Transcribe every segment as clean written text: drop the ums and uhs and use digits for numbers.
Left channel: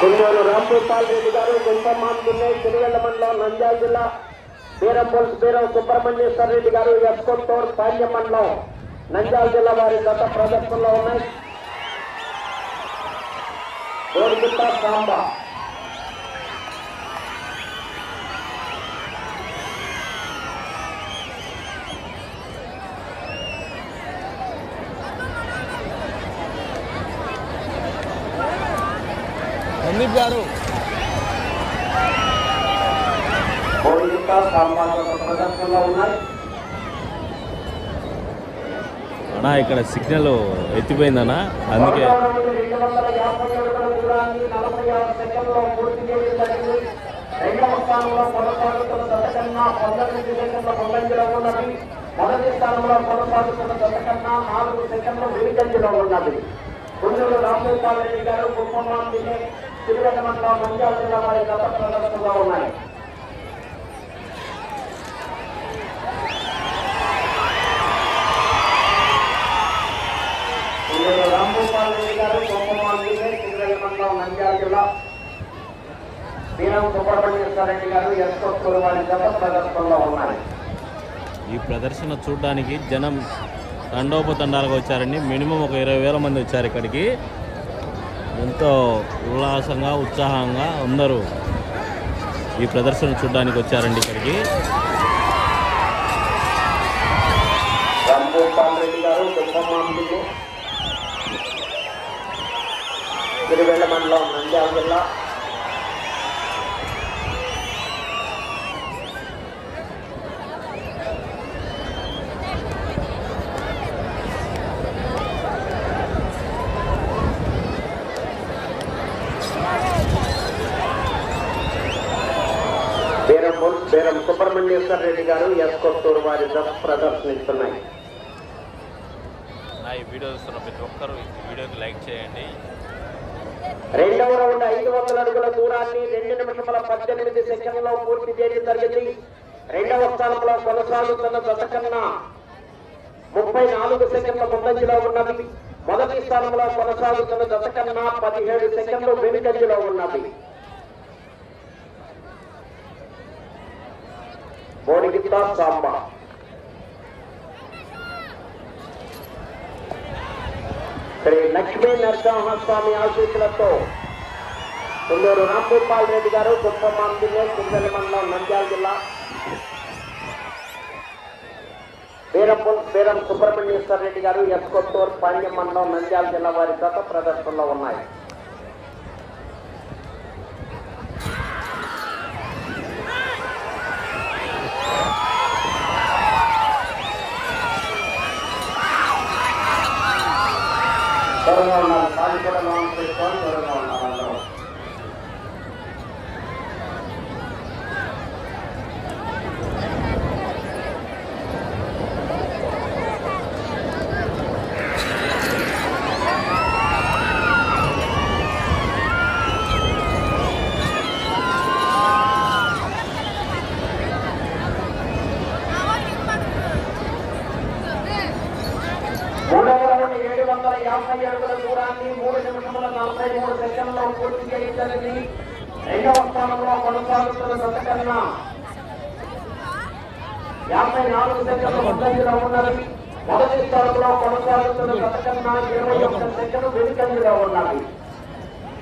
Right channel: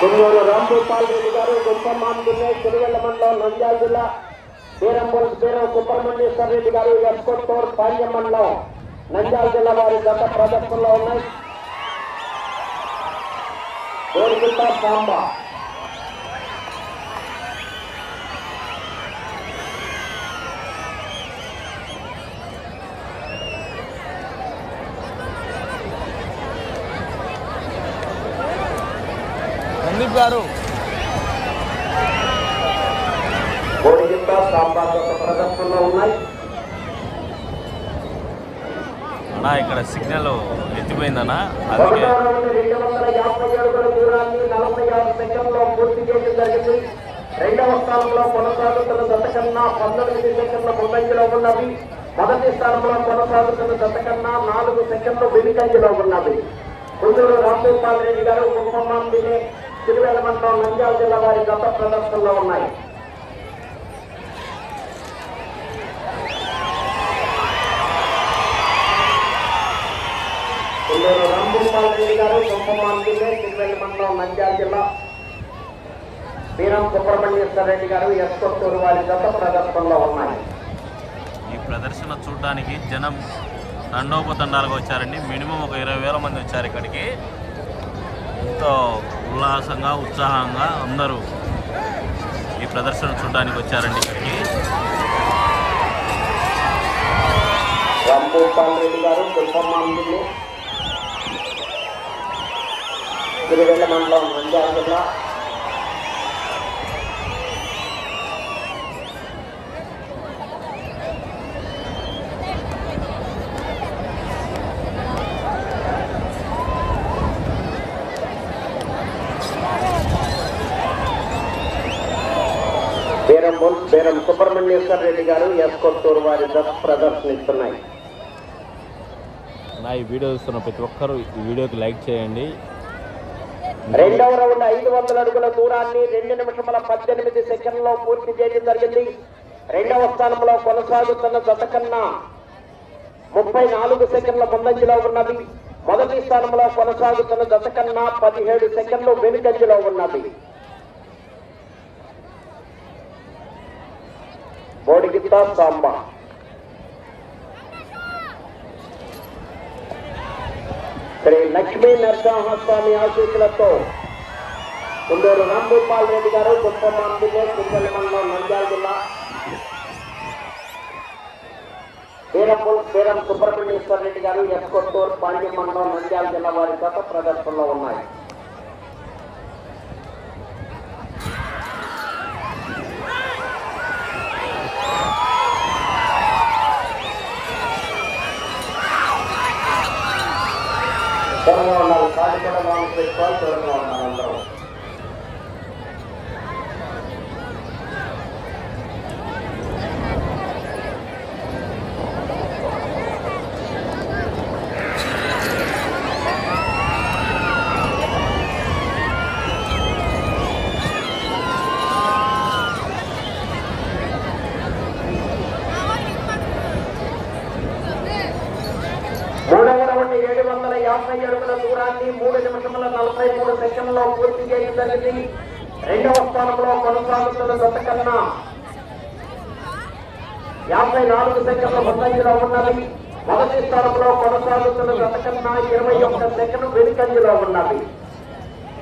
గుంటూరు రాంభూపాల్ రెడ్డి గారు గుంపమాంతునే తిరువెల్ల మండలం నంద్యాల జిల్లా బీరం సుబ్రహ్మణ్యేశ్వర రెడ్డి గారు ఎస్కొత్తూరు పాల్య మండలం నంద్యాల జిల్లా వారి గత ప్రదర్శనలో ఉన్నాయి. సందీప్ గారు కోడిగిత్త సాంబార్ ప్రదర్శనలో ఉన్నాయి. ఇక్కడ సిగ్నల్ ఎత్తిపోయిందన్నా, అందుకే 250 అడుగుల దూరాన్ని 46 సెకండ్లో పూర్తి చేయడం జరిగింది. రెండవ స్థానంలో కొనసాగుతున్న జత కన్నా 19 సెకండ్ల ముందంజలో ఉన్నది. మొదటి స్థానంలో కొనసాగుతున్న జత కన్నా 4 సెకండ్ల వెనుకంజలో ఉన్నది. గుంటూరు రాంభూపాల్ రెడ్డి గారు గుంపమాంతునే తిరువెల్ల మండలం నంద్యాల జిల్లా వారి గత ప్రదర్శనలో ఉన్నాయి. గుంటూరు రాంభూపాల్ రెడ్డి గారు గుంపమాంతునే తిరువెల్ల మండలం నంద్యాల జిల్లా బీరం సుబ్రహ్మణ్యేశ్వర రెడ్డి గారు ఎస్కొత్తూరు వారి గత ప్రదర్శనలో ఉన్నాయి. ఈ ప్రదర్శన చూడడానికి జనం తండోపతండాలుగా వచ్చారండి. మినిమం ఒక 20,000 మంది వచ్చారు ఇక్కడికి. ఎంతో ఉల్లాసంగా ఉత్సాహంగా అందరూ ఈ ప్రదర్శన చూడడానికి వచ్చారండి ఇక్కడికి. రాంభూపాల్ రెడ్డి గారు గుంపమాంతునే తిరువెల్ల మండలం నంద్యాల జిల్లా బీరం సుబ్రహ్మణ్యేశ్వర రెడ్డి గారు ఎస్కొత్తూరు వారి ప్రదర్శనిస్తున్నాయి. ఈ వీడియో చూస్తున్న ప్రతి ఒక్కరూ ఈ వీడియోకి లైక్ చేయండి. రెండవ రౌండ్ 500 అడుగుల దూరాన్ని 2 నిమిషముల 18 సెకండ్లో పూర్తి చేయడం జరిగింది. రెండవ స్థానంలో కొనసాగుతున్న జత కన్నా 34 సెకండ్ల ముందంజలో ఉన్నది. మొదటి స్థానంలో కొనసాగుతున్న జత కన్నా 17 సెకండ్లు వెనుకంజలో ఉన్నది. కోడిగిత్త సాంబా శ్రీ లక్ష్మీ నరసింహస్వామి ఆశీస్సులతో గుంటూరు రాంభూపాల్ రెడ్డి గారు గుంపమాంతునే తిరువెల్ల మండలం నంద్యాల జిల్లా బీరం సుబ్రహ్మణ్యేశ్వర రెడ్డి గారు ఎస్కొత్తూరు పాల్య మండలం నంద్యాల జిల్లా వారి గత ప్రదర్శనలో ఉన్నాయి. దూరంగా ఉండాలి, కాళ్ళు కూడా లోన్ పెట్టుకోవాలి, దూరంగా ఉండాలి అందరూ. మూడవ రౌండ్ 750 అడుగుల దూరాన్ని 3 నిమిషముల 43 సెకండ్లో పూర్తి చేయడం జరిగింది. రెండవ స్థానంలో కొనసాగుతున్న జత కన్నా 54 సెకండ్ల ముందంజలో ఉన్నది. మొదటి స్థానంలో కొనసాగుతున్న జత కన్నా 21 సెకండ్లు వెనుకంజలో ఉన్నది.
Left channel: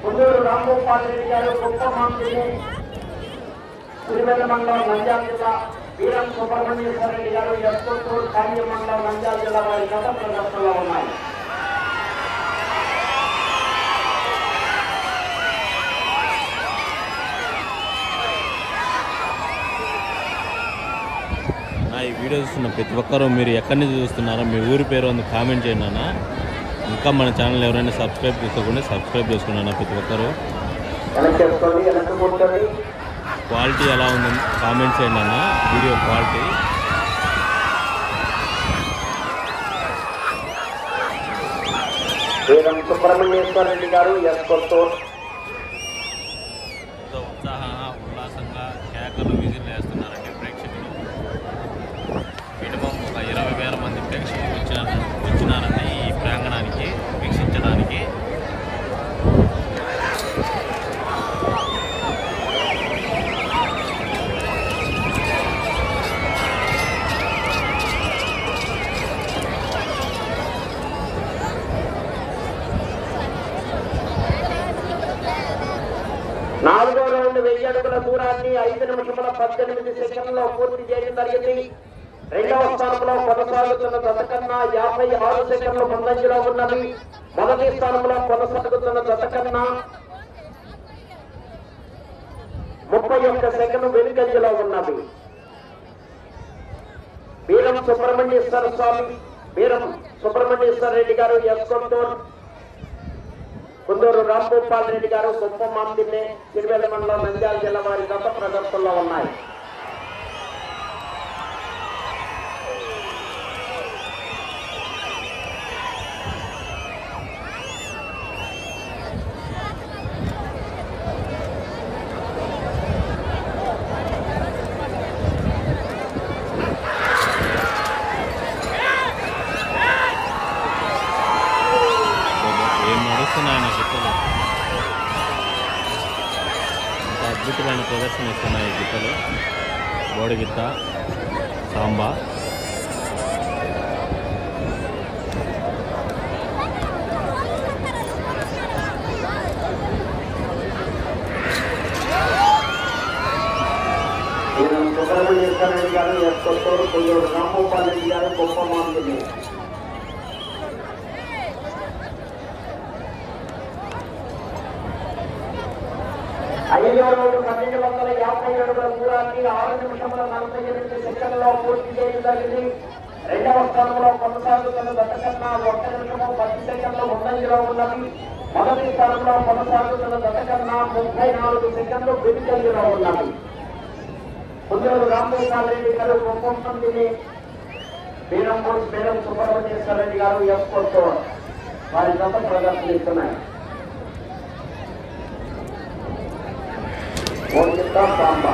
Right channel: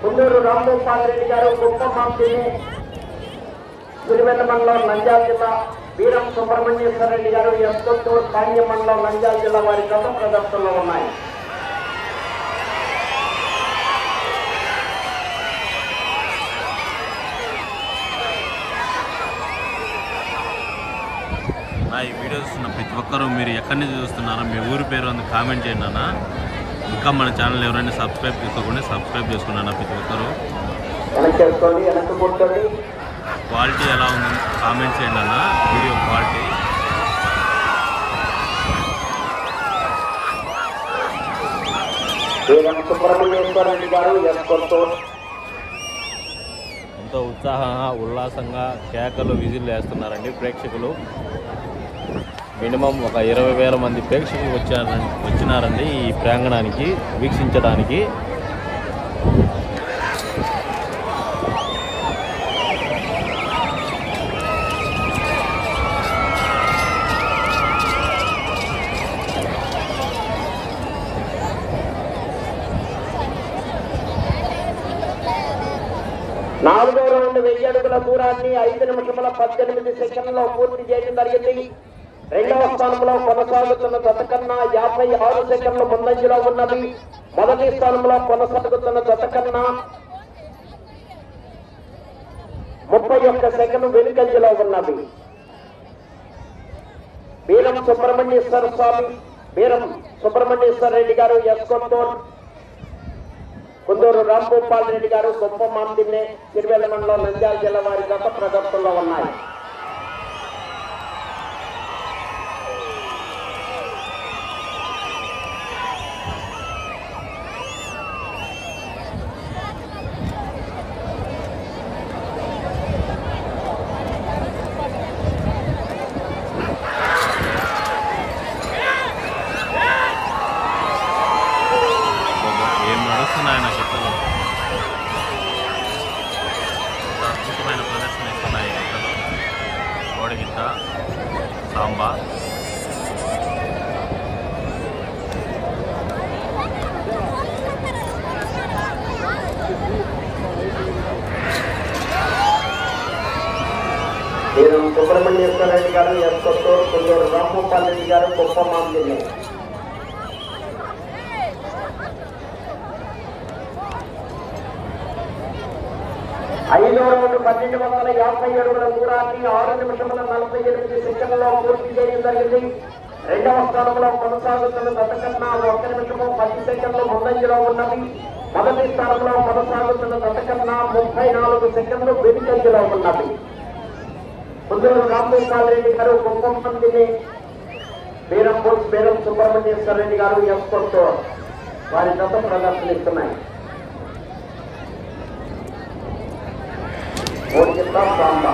గుంటూరు రాంభూపాల్ రెడ్డి గారు గుంపమాంతునే తిరువెల్ల మండలం నంద్యాల జిల్లా బీరం సుబ్రహ్మణ్యేశ్వర రెడ్డి గారు ఎస్కొత్తూరు పాల్య మండలం నంద్యాల జిల్లా వారి గత ప్రదర్శనలో ఉన్నాయి. ఈ వీడియో చూస్తున్న ప్రతి ఒక్కరూ మీరు ఎక్కడి నుంచి చూస్తున్నారో మీ ఊరి పేరు అని కామెంట్ చేయండి అన్న. ఇంకా మన ఛానల్ ఎవరైనా సబ్స్క్రైబ్ చేసుకోకుండా సబ్స్క్రైబ్ చేసుకున్నా ప్రతి ఒక్కరూ. క్వాలిటీ ఎలా ఉందని కామెంట్ చేయండి అన్న, వీడియో క్వాలిటీ. సుబ్రహ్మణ్యేశ్వర రెడ్డి గారు ఎస్కొత్తూరు ఎంతో ఉత్సాహంగా ఉల్లాసంగా కేకలు విజిల్ వేస్తున్నారండి ప్రేక్షకులు. మినిమం ఒక 20,000 మంది ప్రేక్షకులు వచ్చినారండి ఈ ప్రాంగణానికి వీక్షించడానికి. రౌండ్ 1000 అడుగుల దూరాన్ని 5 నిమిషముల 18 సెకండ్లలో పూర్తి చేయడం జరిగింది. రెండవ స్థానంలో కొనసాగుతున్న జత కన్నా 56 సెకండ్లు ముందంజలో ఉన్నది. మొదటి స్థానంలో కొనసాగుతున్న జత కన్నా 31 సెకండ్లు వెనుకంజలో ఉన్నది. బీరం సుబ్రహ్మణ్యేశ్వర స్వామి, బీరం సుబ్రహ్మణ్యేశ్వర రెడ్డి గారు ఎస్కొత్తూరు, కుందూరు రాంభూపాల్ రెడ్డి గారు గొప్పమాందిన్నే తిరువేల మండలం నంద్యాల జిల్లా వారి గత ప్రదర్శనలో ఉన్నాయి. ఏం నడుస్తున్నాయి నా గిత్తలు, అద్భుతమైన ప్రదర్శన ఇస్తున్నాయి గిత్తలు. బోడి గిత్త, సాంబా, సుబ్రహ్మణ్యేశ్వర రెడ్డి గారు ఎస్కొత్తూరు, కుందూరు రాంభూపాల్ రెడ్డి గారు గొప్పమాందిన్నే. 5వ రౌండ్ 1250 అడుగుల దూరాన్ని 6 నిమిషముల 48 సెకండ్లలో పూర్తి చేయడం జరిగింది. రెండవ స్థానంలో కొనసాగుతున్న జత కన్నా 1 నిమిషము 10 సెకండ్లు ముందంజలో ఉన్నది. మొదటి స్థానంలో కొనసాగుతున్న జత కన్నా 34 సెకండ్లు వెనుకంజలో ఉన్నది. కుందూరు రాంభూపాల్ రెడ్డి గారు గొప్పమందిని, బీరం సుబ్రహ్మణ్యేశ్వర రెడ్డి గారు ఎస్కొత్తూరు వారి జత ప్రదర్శనిస్తున్నాయి. సాంబా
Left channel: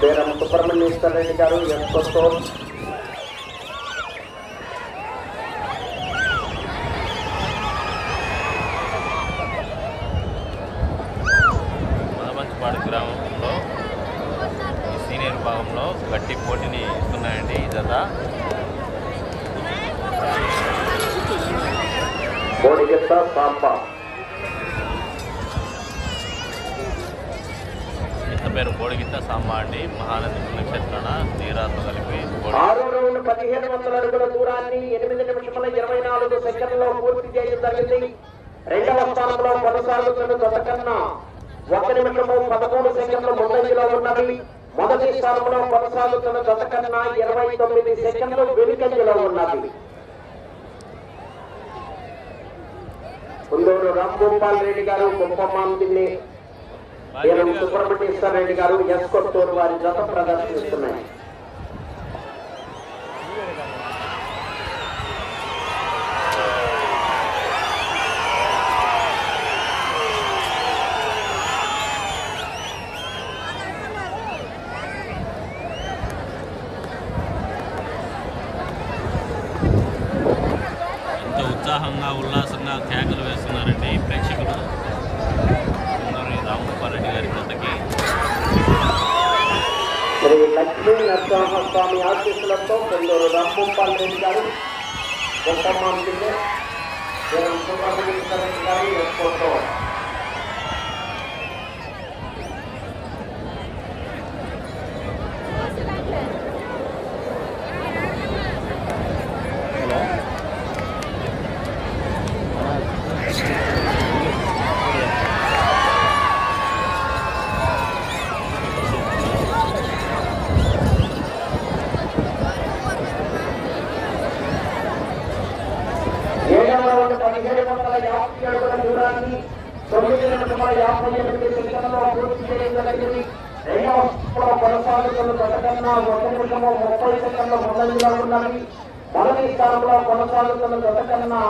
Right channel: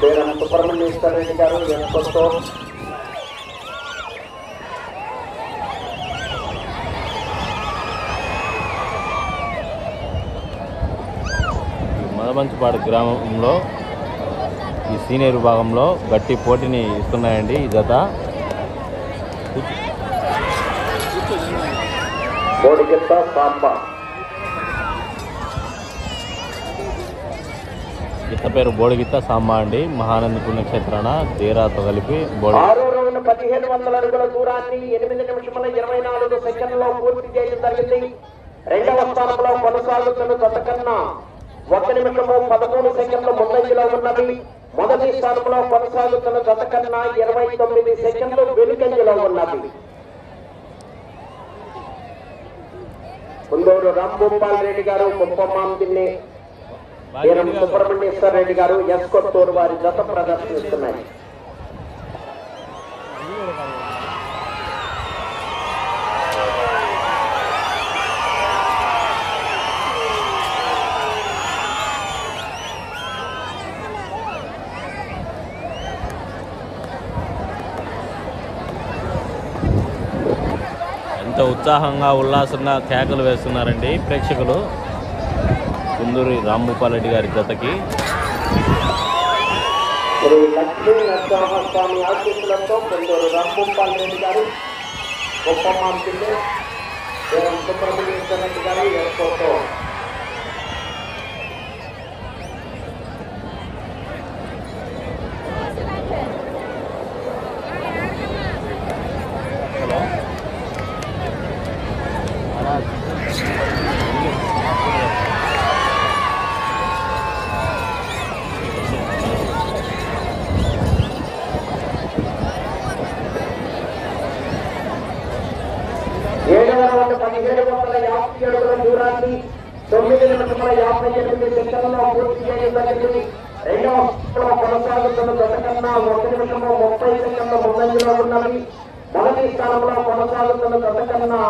బీరం సుబ్రహ్మణ్యేశ్వర రెడ్డి గారు ఎస్కొత్తూరు, మదమంచిపాడు గ్రామంలో ఈ సీనియర్ విభాగంలో గట్టి పోటీని ఇస్తున్నాయండి ఈ జత. బోడిగిత్త, సాంబా. ఇతని పేరు బోడిగిత్త సాంబా అండి. మహానంది పుణ్యక్షేత్రాన దేరాతో కలిపి 6వ రౌండ్ 1500 అడుగుల దూరాన్ని 8 నిమిషముల 24 సెకండ్లలో పూర్తి చేయడం జరిగింది. రెండవ స్థానంలో కొనసాగుతున్న జత కన్నా 1 నిమిషము 13 సెకండ్ల ముందంజలో ఉన్నది. మొదటి స్థానంలో కొనసాగుతున్న జత కన్నా 29 సెకండ్లు వెనుకంజలో ఉన్నది. కుందూరు రాంభూపాల్ రెడ్డి గారు గొప్పమాందిని, బీరం సుబ్రహ్మణ్యేశ్వర రెడ్డి గారు ఎస్కొత్తూరు వారి జత ప్రదర్శిస్తున్నాయి. ఎంతో ఉత్సాహంగా ఉల్లాసంగా కేకలు వేస్తున్నారండి ప్రేక్షకులు కుందూరి రాంభూపాల్ రెడ్డి గారి జతకి. శ్రీ లక్ష్మీ నరసింహస్వామి ఆశీస్సులతో కుందూరు రాంభూపాల్ రెడ్డి గారు గొప్పమాందిని, బీరం సుబ్రహ్మణ్యేశ్వర రెడ్డి గారు ఎస్కొత్తూరు. ఏడవ రౌండ్ 1750 అడుగుల దూరాన్ని 9 నిమిషముల 58 సెకండ్లలో పూర్తి చేయడం జరిగింది. రెండవ స్థానంలో కొనసాగుతున్న జత కన్నా 1 నిమిషము 30 సెకండ్ల ముందంజలో ఉన్నది. మొదటి స్థానంలో కొనసాగుతున్న జత కన్నా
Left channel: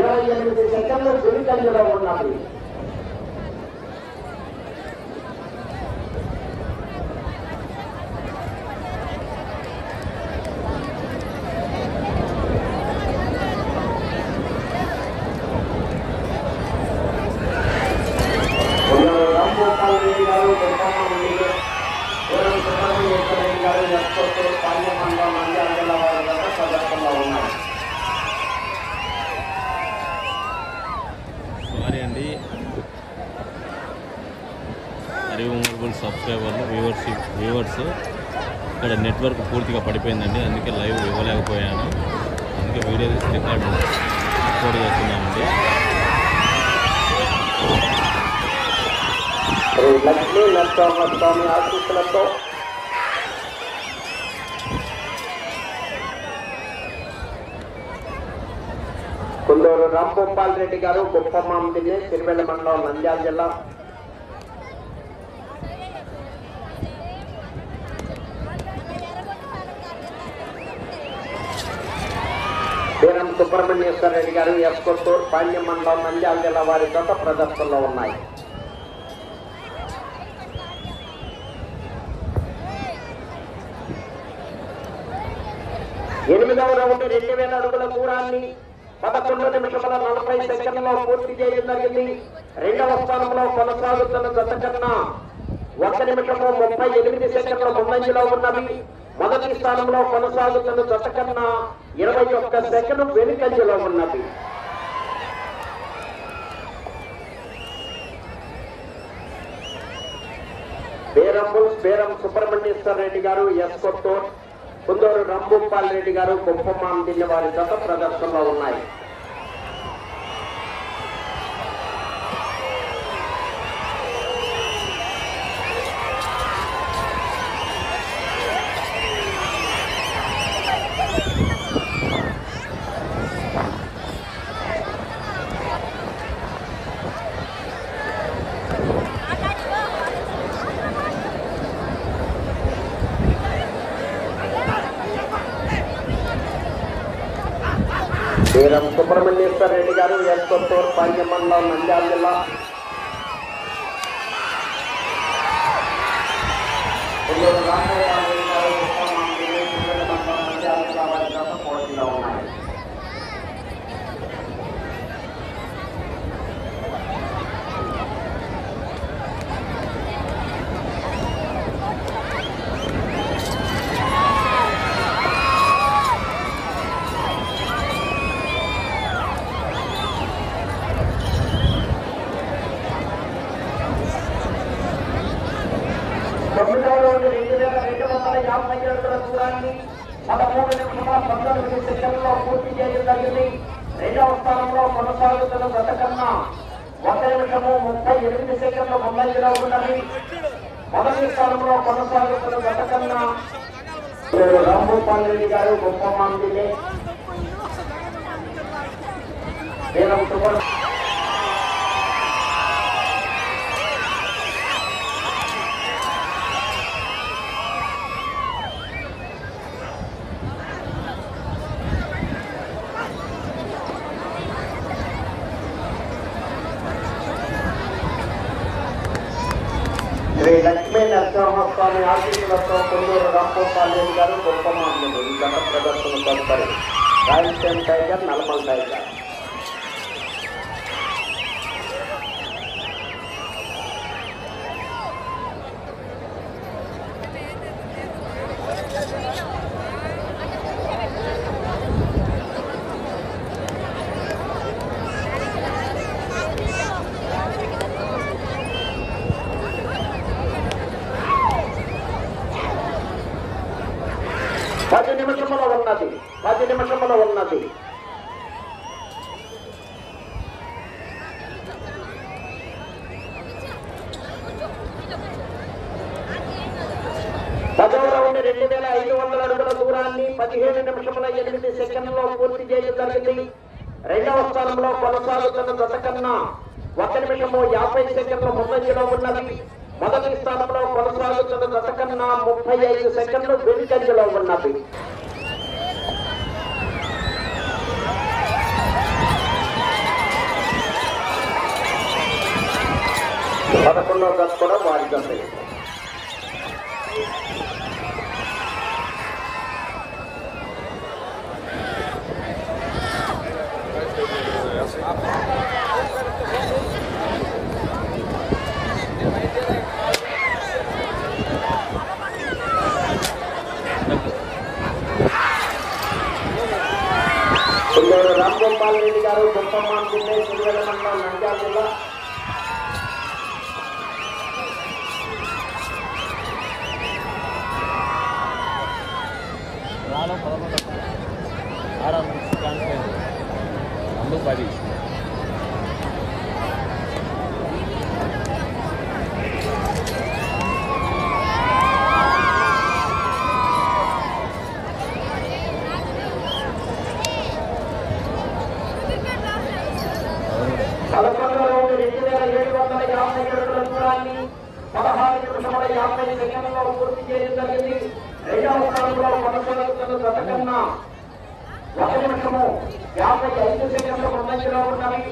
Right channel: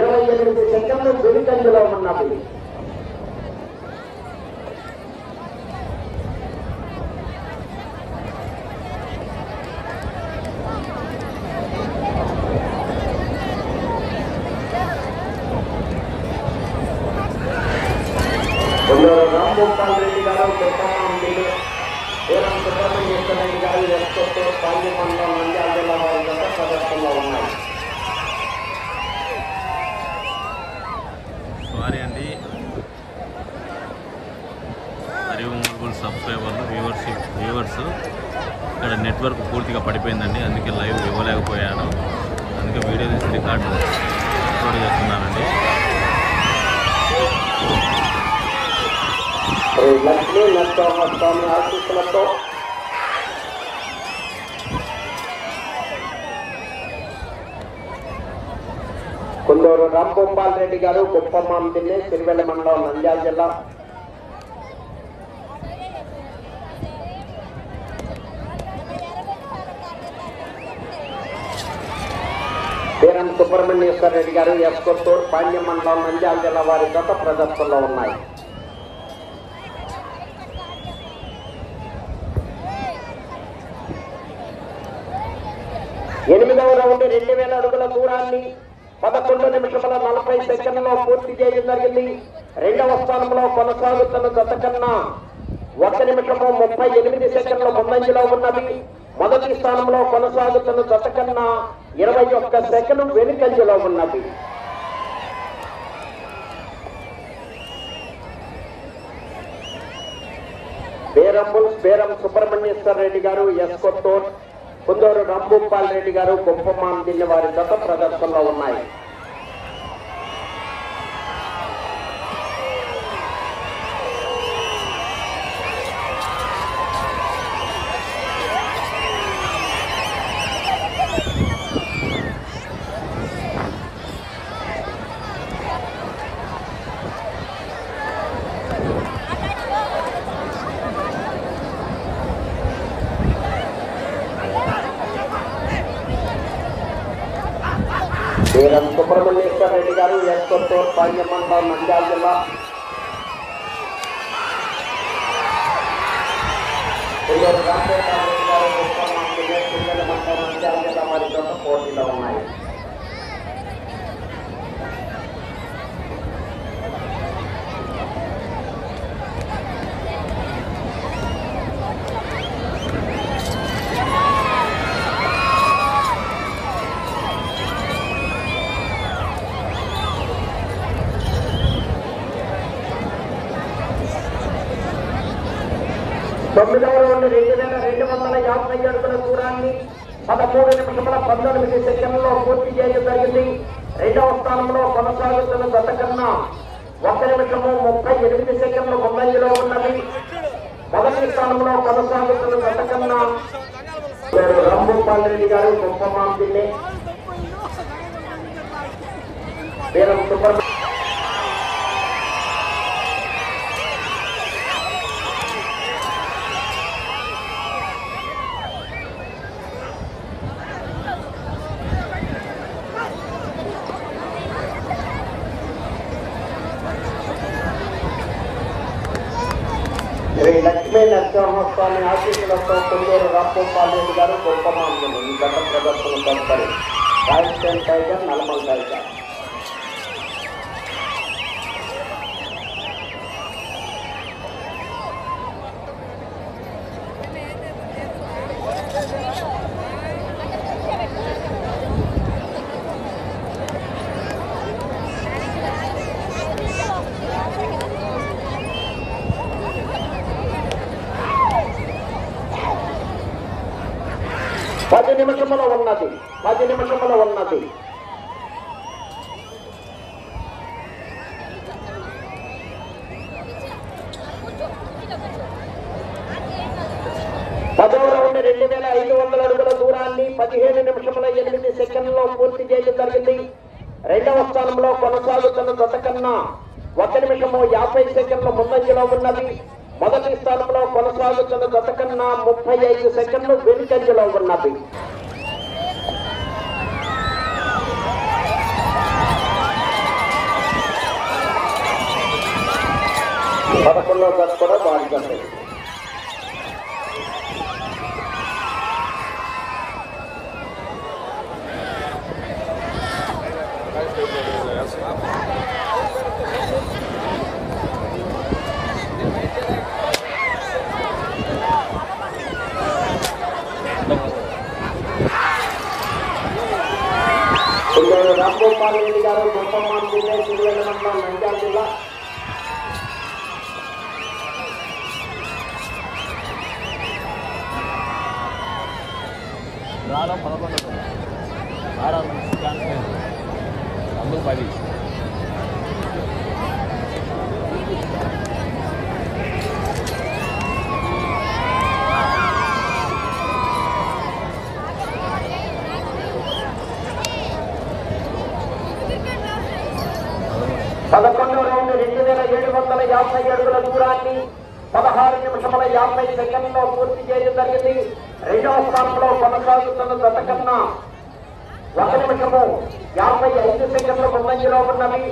28 సెకండ్లు వెనుకంజలో ఉన్నది. రాంగోపాల్ రెడ్డి గారు గొప్పరెడ్డి గారు ఎస్కొట్టే పాల్గొండ నంద్యాల జిల్లా వారి గత ప్రదర్శనలో ఉన్నారు. సారీ అండి, హరివంగుల్ సబ్స్క్రైబర్లు వ్యూవర్స్ ఇక్కడ నెట్వర్క్ పూర్తిగా పడిపోయిందండి, అందుకే లైవ్ ఇవ్వలేకపోయాను. అందుకే వీడియో తీసి రికార్డు అప్లోడ్ చేస్తున్నానండి. కుందూరు రాంగోపాల్ రెడ్డి గారు గొప్పమామిడి సిరివెల్ల మండలం నంద్యాల జిల్లా. వీరం సుబ్రహ్మణ్యేశ్వర రెడ్డి గారు ఎస్కొత్తూరు పాండ్యం మండలం నంద్యాల జిల్లా వారి గత ప్రదర్శనలో ఉన్నాయి. 8వ రౌండ్ 2000 అడుగుల దూరాన్ని 11 నిమిషముల 40 సెకండ్లలో పూర్తి చేయడం జరిగింది. 2వ స్థానంలో కొనసాగుతున్న జత కన్నా 1 నిమిషము 38 సెకండ్ల ముందంజలో ఉన్నవి. మొదటి స్థానంలో కొనసాగుతున్న జత కన్నా 21 సెకండ్ వెనుకంజలో ఉన్నది. వీరం సుబ్రహ్మణ్యేశ్వర రెడ్డి గారు ఎస్కొత్తూరు, కుందూరు రాంగోపాల్ రెడ్డి గారు గొప్పమామిడి వారి గత ప్రదర్శనలో ఉన్నాయి. వీరం సుబ్రహ్మణ్యేశ్వర రెడ్డి గారు ఎస్కొత్తూరు పాండ్యం మండలం నంద్యాల జిల్లా. వారి గత పోటీలో ఉన్నాయి. తొమ్మిదవ రౌండ్ 2250 అడుగుల దూరాన్ని 13 నిమిషముల 19 సెకండ్లలో పూర్తి చేయడం జరిగింది. 2వ స్థానంలో కొనసాగుతున్న జత కన్నా 1 నిమిషము 38 సెకండ్ల ముందంజలో ఉన్నది. మొదటి స్థానంలో కొనసాగుతున్న జత కన్నా రాంగోపాల్ రెడ్డి గారు గొప్పమామిడి, వీరం సుబ్రహ్మణ్య శ్రీ లక్ష్మీ నరసింహస్వామి ఆశీస్సులతో రాంగోపాల్ రెడ్డి గారు గొప్పమామిడి ఈ గత ప్రదర్శన కడతారు. Rajasthan tiger, Nalgonda tiger. పది నిమిషముల ఉన్నది. 10వ రౌండ్ 2500 అడుగుల దూరాన్ని 17 నిమిషముల 8 సెకండ్లలో పూర్తి చేయడం జరిగింది. 2వ స్థానంలో కొనసాగుతున్న జత కన్నా 1 నిమిషము 50 సెకండ్ల ముందంజలో ఉన్నది. మొదటి స్థానంలో కొనసాగుతున్న జత కన్నా 35 సెకండ్లు వెనుకంజలో ఉన్నది. పదకొండవ జత కూడా బాగుంటుంది. నంద్యాల జిల్లా. రాలో 11 ఆరా మంచి ఛాన్స్ లేదు ముందు 10 11వ రౌండ్ 2750 అడుగుల దూరాన్ని 16 నిమిషముల 50 సెకండ్లో పూర్తి చేయడం జరిగింది. రెండవ స్థానంలో కొనసాగుతున్న జత కన్నా 1 నిమిషము 55 సెకండ్లు ముందంజలో ఉన్నవి.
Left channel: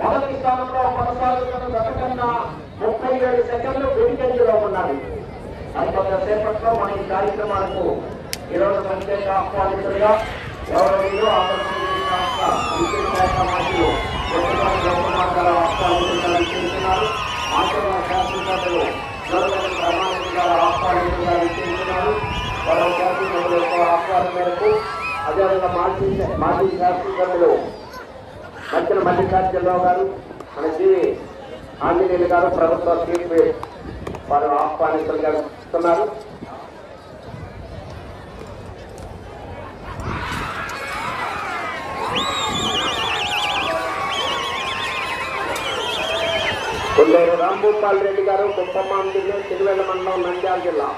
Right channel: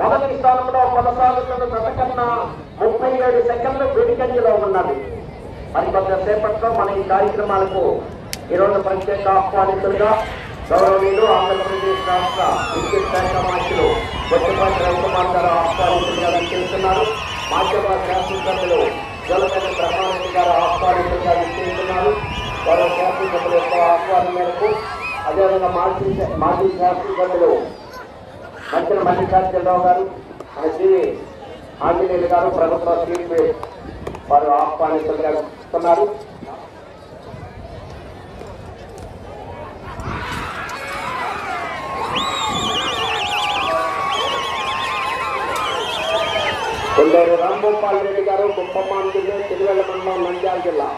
మొదటి స్థానంలో కొనసాగుతున్న జత కన్నా 37 సెకండ్లు వెనుకంజలో ఉన్నవి. మరికొంతసేపట్లో మన ఈ కార్యక్రమాలకు ఈరోజు ప్రత్యేక ఆహ్వానితులుగా గౌరవనీయులు ఆంధ్రప్రదేశ్ రాష్ట్ర విద్యుత్ శాఖ మంత్రులు కొత్తపాటి రవికుమార్ గారు ఆహ్వానితులుగా విచ్చేస్తున్నారు. మాచర్ల శాసనసభ్యులు జలగడ్డ బ్రహ్మారెడ్డి గారు ఆహ్వానితులుగా విచ్చేస్తున్నారు. ఆహ్వానం మేరకు అదేవిధంగా మాజీ శాసనసభ్యులు మంత్రులు మల్లికార్జునరావు గారు, జి ఆంజనేయులు గారు ప్రభుత్వ సీపీ వారు ఆహ్వానితులుగా ఇస్తున్నారు. రాంభూపాల్ రెడ్డి గారు కుప్పమాన్ జిల్లా తిరువెల్ల మండలం నంద్యాల జిల్లా.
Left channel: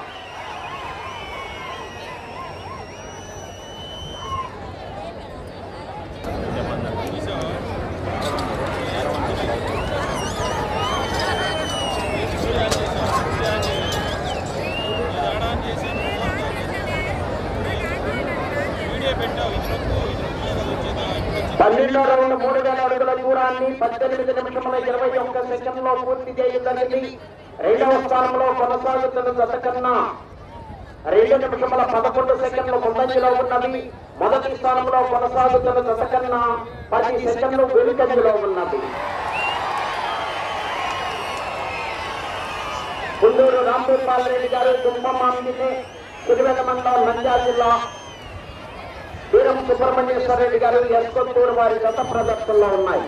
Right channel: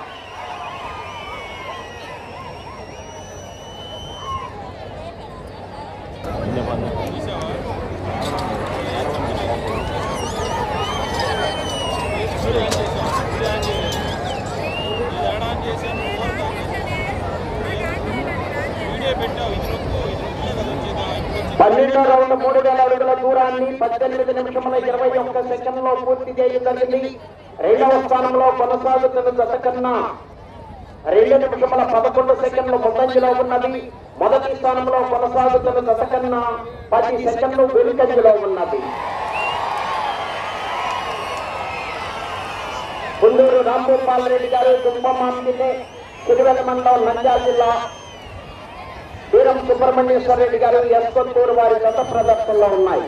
పన్నెండో రౌండ్ 3000 అడుగుల దూరాన్ని 18 నిమిషముల 21 సెకండ్లో పూర్తి చేయడం జరిగింది. రెండవ స్థానంలో కొనసాగుతున్న జత కన్నా 2 నిమిషముల 11 సెకండ్లు ముందంజలో ఉన్నవి. మొదటి స్థానంలో కొనసాగుతున్న జత కన్నా 10 సెకండ్లు వెనుకంజలో ఉన్నది. గుంటూరు రాంభూపాల్ రెడ్డి గారు కుంభమామిని తిరువెల్ల మండలం నంద్యాల జిల్లా. వీరం సుబ్రహ్మణ్యేశ్వర రెడ్డి గారు ఎస్కొత్తూరు వారి గత ప్రదర్శనలో ఉన్నాయి.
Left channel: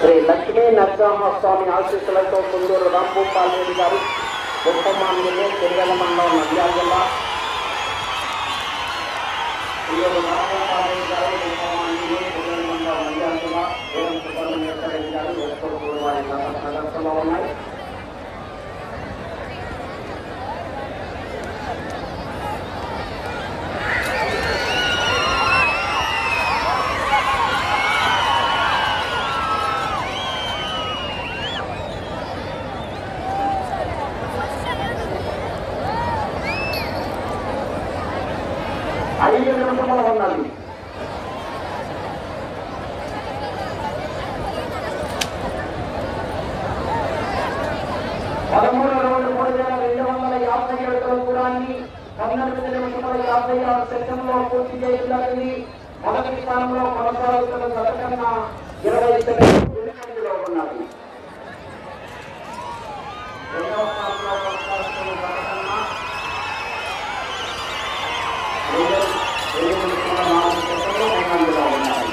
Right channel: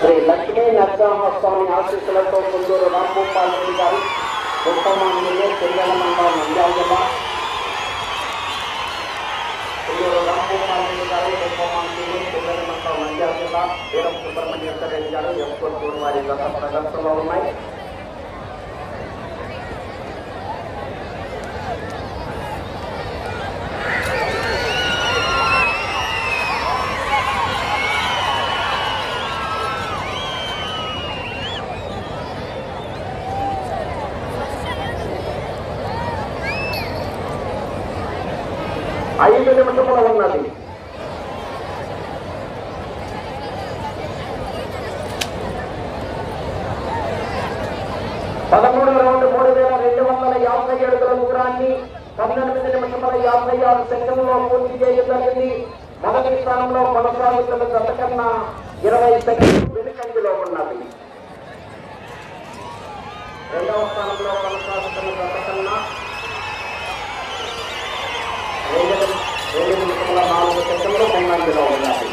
శ్రీ లక్ష్మీ నరసింహస్వామి ఆశీస్సులతో గుంటూరు రాంభూపాల్ రెడ్డి గారు కుంభమామిని తిరువెల్ల మండలం నంద్యాల జిల్లా. రాంభూపాల్ రెడ్డి గారు కుంభమామిని తిరువెల్ల మండలం నంద్యాల జిల్లా. వీరం సుబ్రహ్మణ్యేశ్వర రెడ్డి గారు ఎస్కొత్తూరు వారి గత ప్రదర్శనలో ఉన్నాయి. ఐదు నిమిషములు ఉన్నది. పదమూడవ రౌండ్ 3250 అడుగుల దూరాన్ని 18 నిమిషముల 56 సెకండ్లో పూర్తి చేయడం జరిగింది. మొదటి స్థానంలో కొనసాగుతున్న జత కన్నా 20 సెకండ్లు వెనుకంజలో ఉన్నది. రెండవ స్థానంలో కొనసాగుతున్న జత కన్నా 2 నిమిషముల 4 సెకండ్లు ముందంజలో ఉన్నది.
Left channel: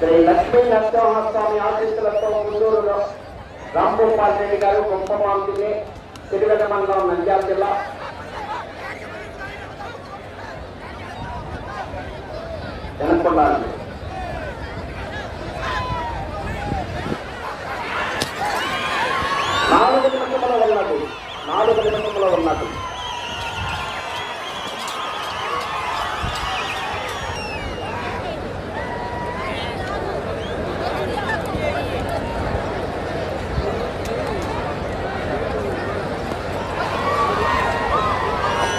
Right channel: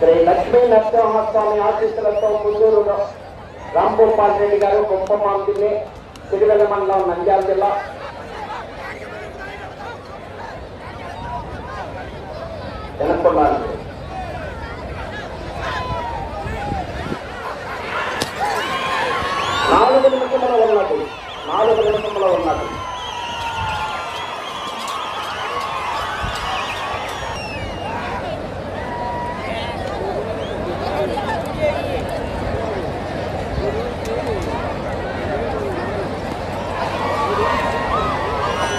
శ్రీ లక్ష్మీ నరసింహస్వామి ఆశీస్సులతో గుంటూరు రాంభూపాల్ రెడ్డి గారు కుంభమామిని తిరువెల్ల మండలం నంద్యాల జిల్లా. ఎన్నుకున్నాను. నాలుగు నిమిషంలో ఉన్నది.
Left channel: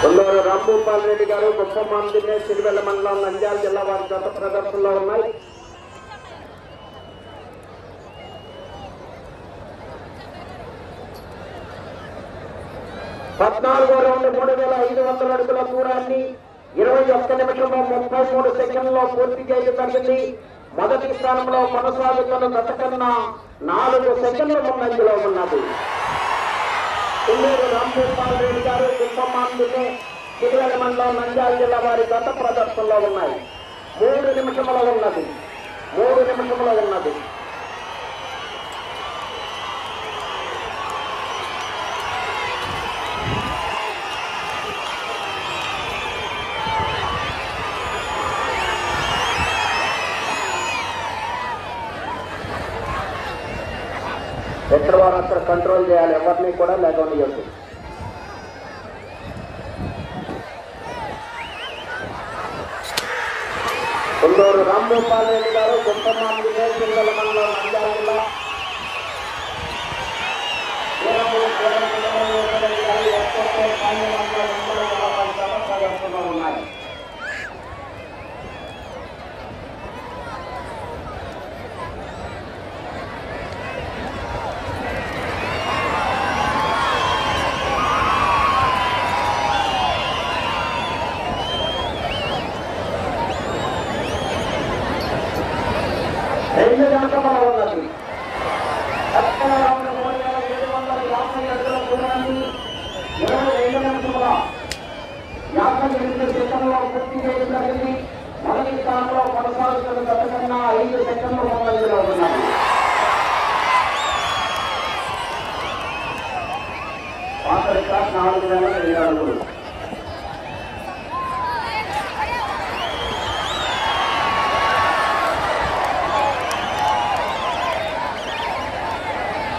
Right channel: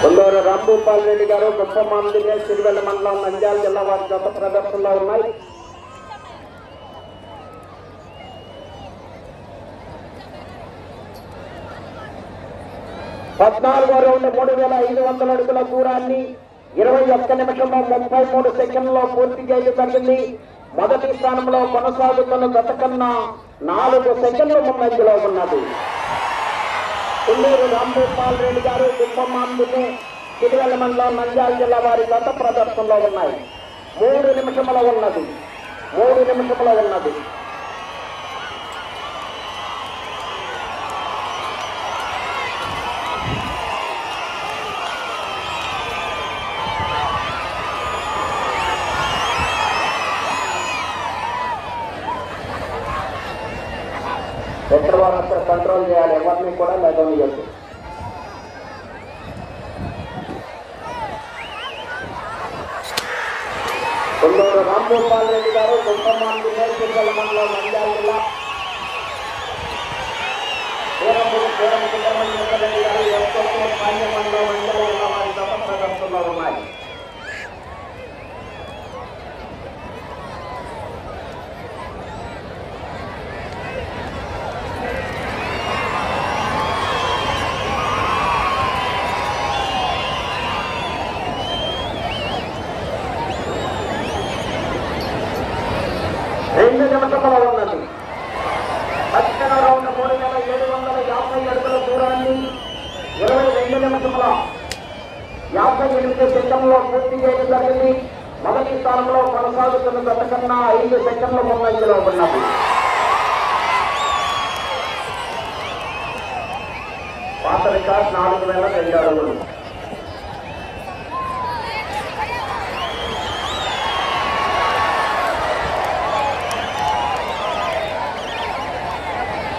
గుంటూరు రాంభూపాల్ రెడ్డి గారు కుంభమామిని తిరువెల్ల మండలం నంద్యాల జిల్లా వారి గత ప్రదర్శనలో ఉన్నాయి. పద్నాలుగో రౌండ్ 3500 అడుగుల దూరాన్ని 21 నిమిషంలో 33 సెకండ్లో పూర్తి చేయడం జరిగింది. మొదటి స్థానంలో కొనసాగుతున్న గత కన్నా 4 సెకండ్ల ముందంజలో ఉన్నది. తుళ్ళూరు రాంభూపాల్ రెడ్డి గారు కుంభమాంబిని తిరువెల మండలం నంద్యాల జిల్లా వారి గత ప్రదర్శనలో ఉన్నాయి. 3 నిమిషముల ఉన్నది. 3 నిమిషముల ఉన్నది. పెట్రోల్ కంట్రోల్ చేయాలి. ఎవరిని కూడా లేకపోతే రాంభూపాల్ రెడ్డి గారు ఉన్నాయి. రెండు నిమిషముల ఉన్నది. దక్షిణ రౌండ్ 3750 అడుగుల దూరాన్ని 22 నిమిషముల 58 సెకండ్లో పూర్తి చేయడం జరిగింది. మొదటి స్థానంలో కొనసాగుతున్న గత కన్నా 5 సెకండ్ల ముందంజలో ఉన్నది. పాత రికార్డ్ 4002 అడుగులు.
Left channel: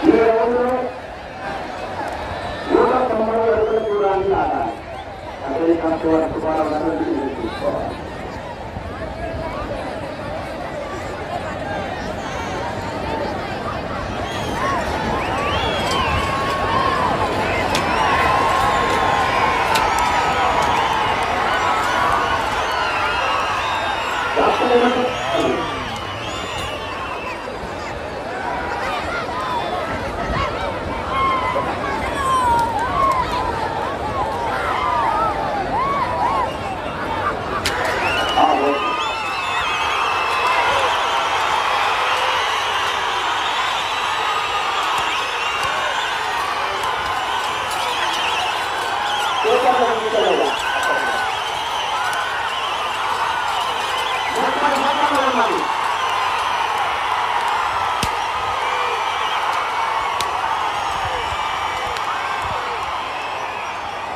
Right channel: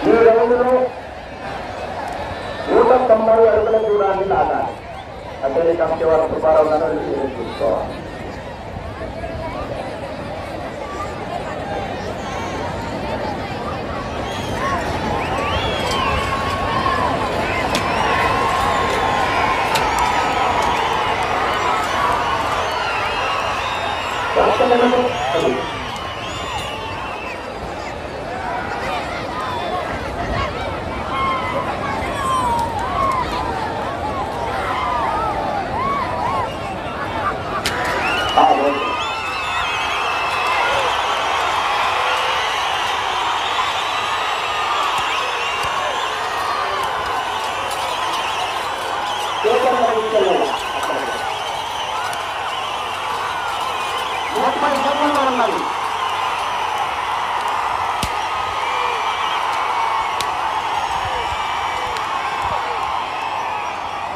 ఈ రౌండ్లో 190 అడుగుల దూరాన్ని లాగాలి. అదే కంపెనీ వారి సుబ్బారావు చూసుకోవాలి. ఉన్నది.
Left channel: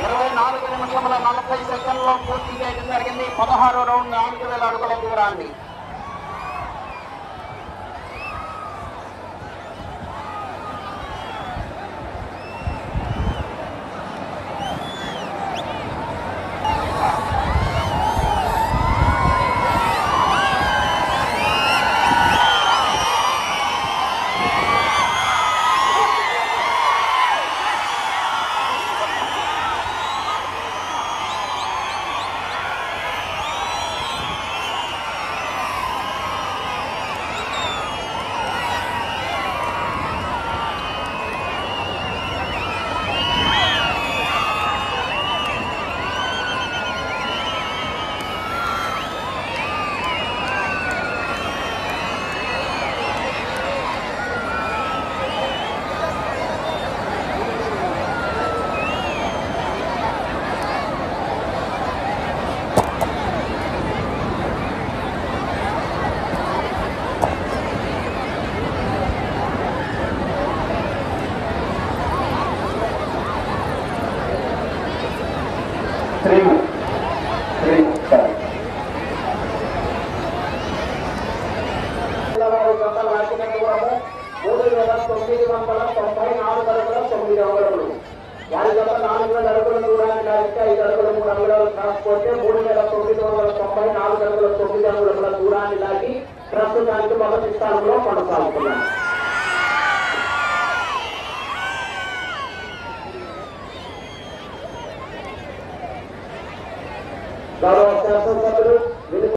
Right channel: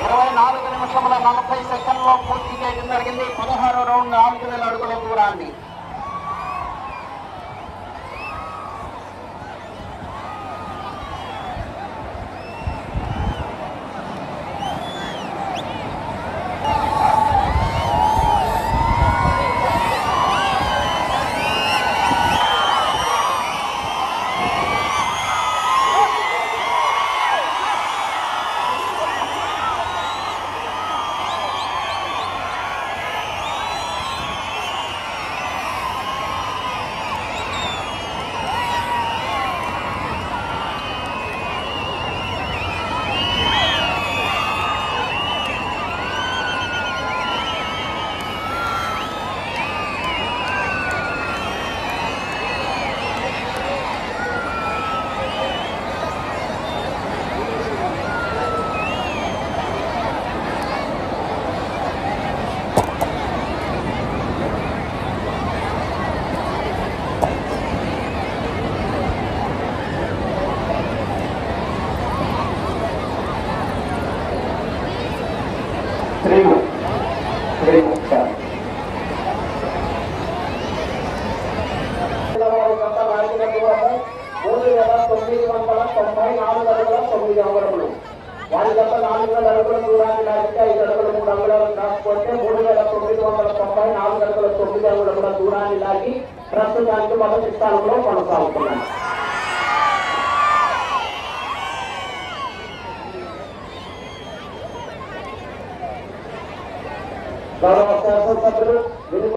24 నిమిషముల 40 సెకండ్లో పూర్తి చేయడం జరిగింది. 16వ రౌండ్ 4000 అడుగుల దూరాన్ని. ప్రస్తుతానికి మొదటి స్థానంలో కొనసాగుతున్నాం. గౌరవ శాసనసభ్యులు